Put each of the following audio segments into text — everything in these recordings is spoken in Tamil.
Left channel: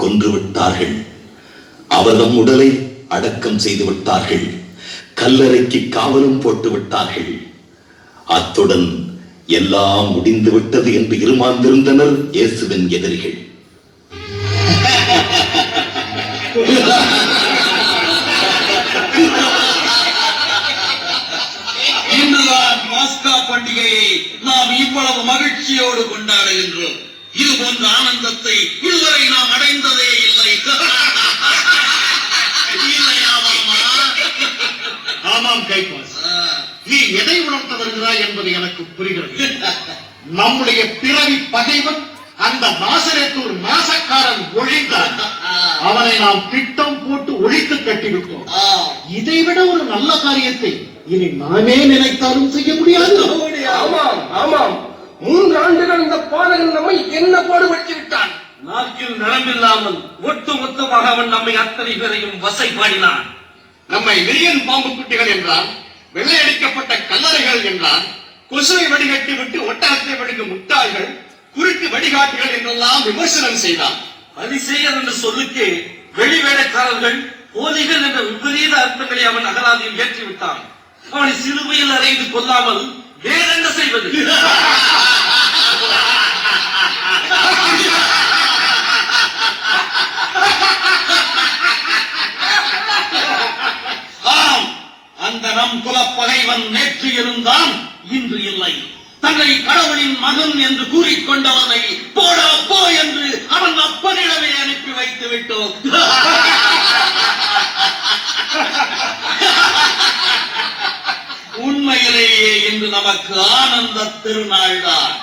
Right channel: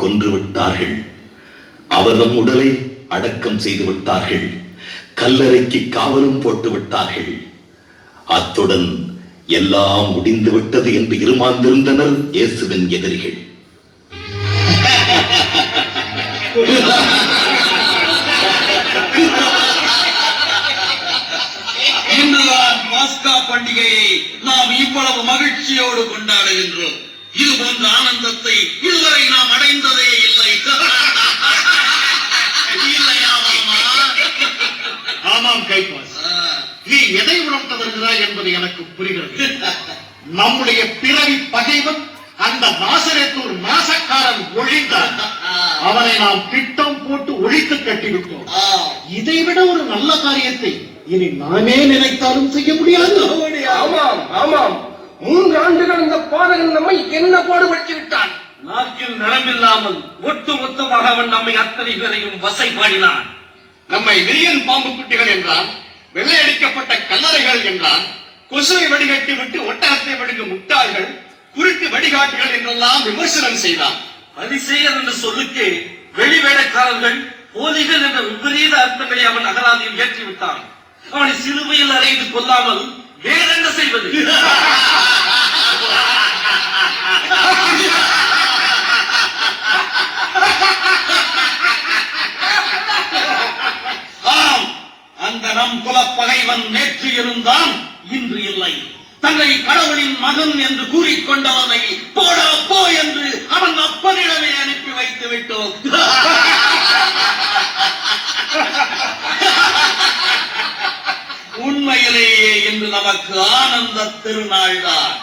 கொன்று விட்டார்கள். அவரது உடலை அடக்கம் செய்து விட்டார்கள். கல்லறைக்கு காவலும் போட்டு விட்டார்கள். அத்துடன் எல்லாம் முடிந்து விட்டது என்று இருமாந்திருந்தனர் இயேசுவின் எதிரிகள். இன்றுதான் பாஸ்கா பண்டிகையை நாம் இவ்வளவு மகிழ்ச்சியோடு கொண்டாடுகின்றோம். இது போன்ற ஆனந்தத்தை இதுவரை நாம் அடைந்ததே இல்லை. ஆமாம் கைபாஸ், நீ எதை உணர்த்த வருகிறாய் என்பது எனக்கு புரிகிறது. நம்முடைய பிறவி பகைவன் அந்த நாசரேத்தூர் நாசக்காரன் ஒழிந்தான். அவனை நாம் திட்டம் போட்டு ஒழித்து கட்டிவிட்டோம். இதைவிட ஒரு நல்ல காரியத்தை இனி நாமே நினைத்தாலும் செய்ய முடியாது. ஆமாம் ஆமாம், 3 ஆண்டுகள் இந்த பாதகன் நம்மை என்ன பாடுபட்டு விட்டான். நாக்கில் நலமில்லாமல் ஒட்டு மொத்தமாக அவன் நம்மை அத்தனை பேரையும் வசை பாடினான். நம்மை விரியன் பாம்பு குட்டிகள் என்றான், வெள்ளையடிக்கப்பட்ட கல்லறைகள் என்றான், கொசுவை வடிகட்டி விட்டு ஒட்டகத்தை வடிக்கும் முட்டாள்கள், குருட்டு வடிகாட்டுகள் என்றெல்லாம் விமர்சனம் செய்தான். அதிசயர் என்ற சொல்லுக்கு வெளி வேலைக்காரர்கள் போதைகள் என்ற விபரீத அர்த்தங்களை அவன் அகராதியில் ஏற்றிவிட்டான். அவனை சிறுமையில் அறைந்து கொள்ளாமல் வேறென்ன செய்வது? அந்த நம் குலப்பகைவன் நேற்று இருந்தான், இன்று இல்லை. தன்னை கடவுளின் மகன் என்று கூறிக்கொண்டவனை போடா போ என்று அவன் அப்பனிடமே அனுப்பி வைத்து விட்டோம். உண்மையிலேயே இன்று நமக்கு ஆனந்த திருநாள் தான்.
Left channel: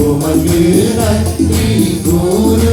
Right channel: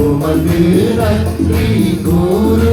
உமது நன்றி கூறு